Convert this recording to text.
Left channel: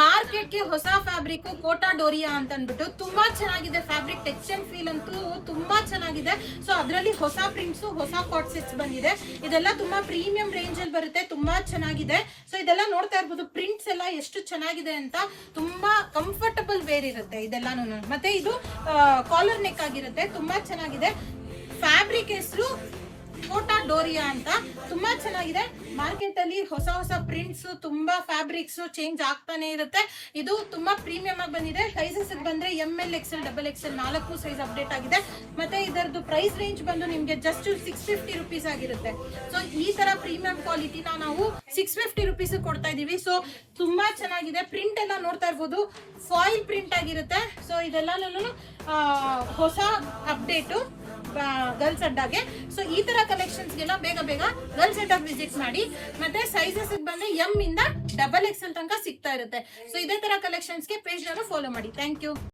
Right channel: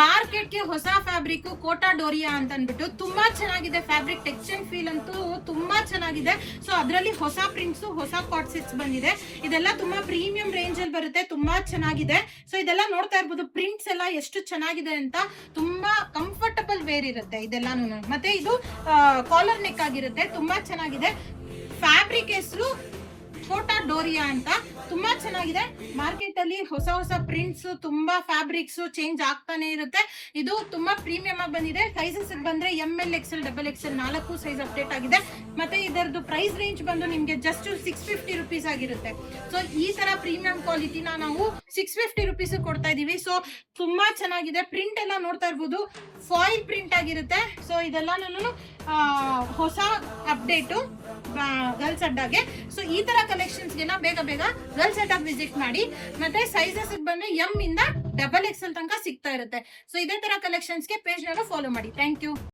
ಮಾರ್ಕೆಟ್ಗೆ ಹೊಸ ಫ್ಯಾಬ್ರಿಕ್ ಕೋಟಾ ಡೋರಿಯಾ ಅಂತ ಅಂದ್ಬಿಟ್ಟು ತುಂಬಾ ಚೆನ್ನಾಗಿದೆ. ಫ್ಯಾಬ್ರಿಕ್ ಟೆಕ್ಸ್ಚರ್ ಫೀಲ್ ಅಂತೂ ತುಂಬಾ ಚೆನ್ನಾಗಿದೆ. ಸೊ ಅದರಲ್ಲಿ ಹೊಸ ಪ್ರಿಂಟ್ಸ್, ಹೊಸ ಕಾಟ್ ಸೆಟ್ಸ್ ಬಂದಿದೆ. ಇದೆಲ್ಲ ತುಂಬಾ ಪ್ರೀಮಿಯಂ ರೇಂಜ್ ಅಲ್ಲಿ ಬರುತ್ತೆ, ತುಂಬಾ ಚೆನ್ನಾಗಿದೆ. ಸೊ ಇದೆಲ್ಲ ನೋಡ್ತಾ ಇರ್ಬೋದು, ಪ್ರಿಂಟ್ಸ್ ಎಲ್ಲ ಎಷ್ಟು ಚೆನ್ನಾಗಿದೆ ಅಂತ. ತುಂಬಾ ಕಂಫರ್ಟಬಲ್ ವೇರ್ ಇರುತ್ತೆ ಇದೆಲ್ಲಾನು. ಮತ್ತೆ ಇದು ಕಾಲರ್ ನೆಕ್ ಆಗಿರುತ್ತೆ, ತುಂಬಾ ಚೆನ್ನಾಗಿದೆ. ಫ್ಯಾಬ್ರಿಕ್ ಹೆಸರು ಕೋಟಾ ಡೋರಿಯಾ ಅಂತ, ತುಂಬಾ ಚೆನ್ನಾಗಿದೆ. ಮಾರ್ಕೆಟ್ ಅಲ್ಲಿ ಹೊಸ ಹೊಸ ಪ್ರಿಂಟ್ಸ್, ತುಂಬಾ ಫ್ಯಾಬ್ರಿಕ್ಸ್ ಚೇಂಜ್ ಆಗ್ತಾನೆ ಇರುತ್ತೆ. ಇದು ತುಂಬಾ ಪ್ರೀಮಿಯಂ ಆಗಿ ಬಂದಿದೆ. ಸೈಜಸ್ ಬಂದ್ರೆ ML XL XXL 4 size update ಆಗಿದೆ. ಮತ್ತೆ ಇದರದ್ದು ಪ್ರೈಸ್ ರೇಂಜ್ ಬಂದು ನಿಮ್ಗೆ ಜಸ್ಟ್ 650 ರುಪೀಸ್ ಆಗಿರುತ್ತೆ. ಸೊ ಈ ತರ ಪ್ರೀಮಿಯಂ ಕ್ವಾಲಿಟಿನ ನಾವು 650 ರುಪೀಸ್ ಕೊಡ್ತಾ ಇದೀವಿ. ಸೊ ತುಂಬಾ ಚೆನ್ನಾಗಿದೆ. ಪ್ರಿಂಟ್ ಎಲ್ಲ ನೋಡ್ತಾ ಇರ್ಬೋದು, ಫಾಯಿಲ್ ಪ್ರಿಂಟ್ ಆಗಿರುತ್ತೆ. ಸೊ ಇದೆಲ್ಲ ನಾನು ಹೊಸ ಅಪ್ಡೇಟು ಗರ್ಲ್ಸ್ ಅಡ್ಡಾಗೆ. ಸೊ ಈ ತರ ಕಲೆಕ್ಷನ್ಸ್ಗೆಲ್ಲ ಬೇಗ ಬೇಗ ಗರ್ಲ್ಸ್ ಅಡ್ಡಾಗ್ ವಿಸಿಟ್ ಮಾಡಿ. ಮತ್ತೆ ಸೈಜಸ್ ಬಂದ್ರೆ M ಇಂದ XXL ತನಕ ಸಿಗ್ತಾ ಇರುತ್ತೆ. ಸೊ ಇದೇ ತರ ಕಲೆಕ್ಷನ್ಸ್ಗೆ ಪೇಜ್ ಫಾಲೋ ಮಾಡಿ. Thank you.